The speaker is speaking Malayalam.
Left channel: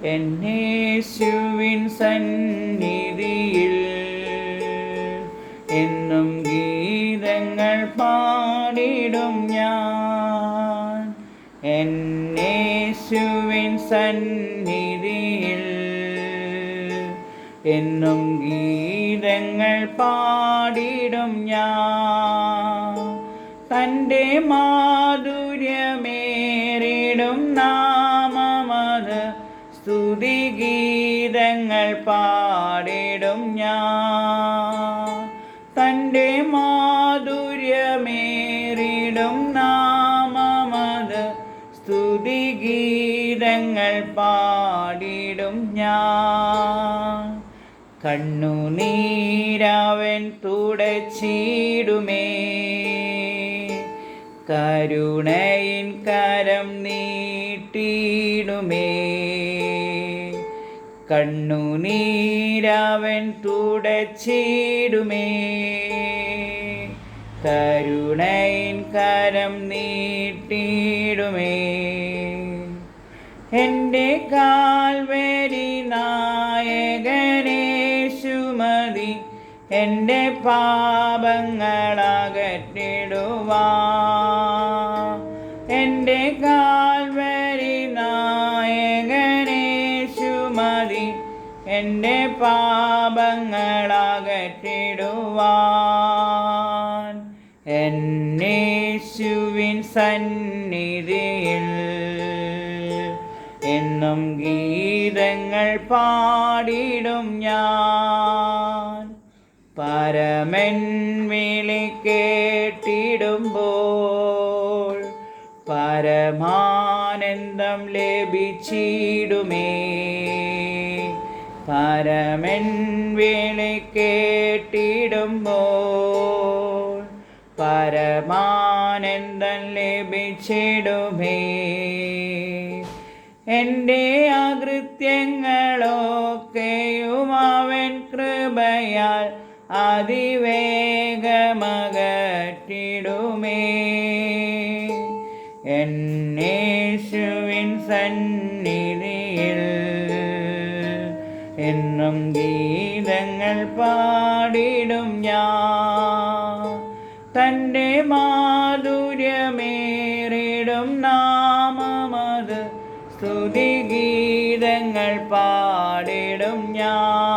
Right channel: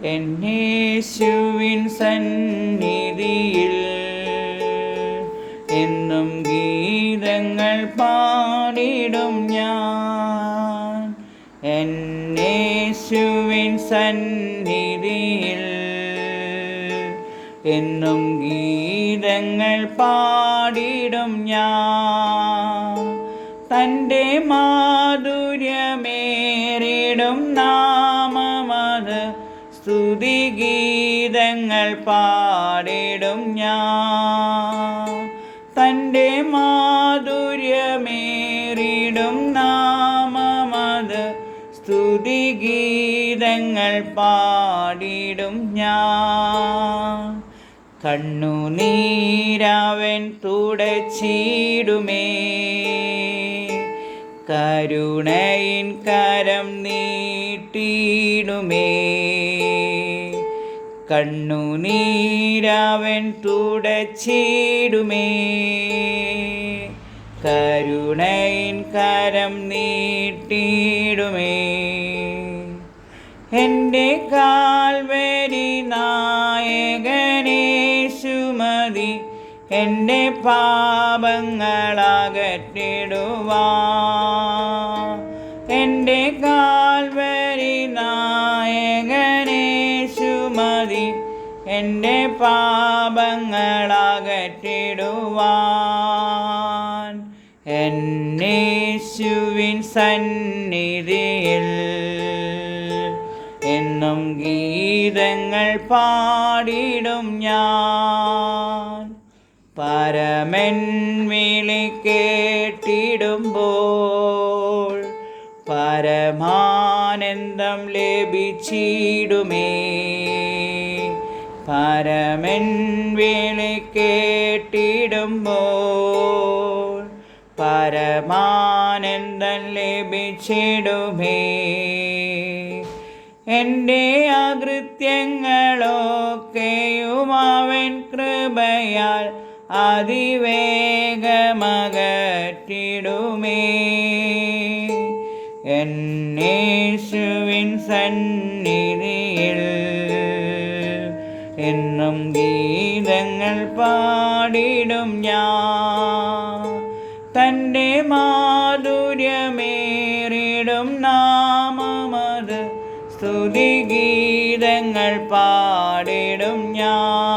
എന്നേശുവിൻ സന്നിധിയിൽ എന്നും ഗീതങ്ങൾ പാടിടും ഞാൻ. എന്നേശുവിൻ സന്നിധിയിൽ എന്നും ഗീതങ്ങൾ പാടിടും ഞാൻ. തൻ്റെ മാധുര്യമേറിടും നാമമത് സ്തുതിഗീതങ്ങൾ പാടിടും ഞാൻ. തൻ്റെ മാധുര്യമേറിടും നാമമത് സ്തുതിഗീതങ്ങൾ പാടിടും ഞാൻ. കണ്ണുനീരവൻ തുടച്ചിടുമേ, കരുണയിൻ കരം നീട്ടിടുമേ. കണ്ണുനീരവൻ തുടച്ചിടുമേ, കരുണയിൻ കരം നീട്ടിടുമേ. എൻ്റെ കാൽവരി നായകനേശുമതി എൻ്റെ പാപങ്ങളകറ്റിടുവാൻ. എൻ്റെ കാൽവരി നായകനേശുമതി എൻ്റെ പാപങ്ങളകറ്റിടുവാൻ. എന്നേശുവിൻ സന്നിധിയിൽ എന്നും ഗീതങ്ങൾ പാടിടും ഞാൻ. പരമൻ വിളി കേട്ടിടുമ്പോൾ പരമാനന്ദം ലഭിച്ചിടുമേ. പരമൻ വിളി കേട്ടിടുമ്പോൾ പരമാനന്ദം ലഭിച്ചിടുമേ. എൻ്റെ അകൃത്യങ്ങളൊക്കെയും അവൻ കൃപയാൽ അതിവേഗമകറ്റിടുമേ. എന്നേശുവിൻ സന്നിധിയിൽ എന്നും ഗീതങ്ങൾ പാടിടും ഞാൻ. തൻ്റെ മാധുര്യമേറിടും നാമമത് സ്തുതിഗീതങ്ങൾ പാടിടും ഞാൻ.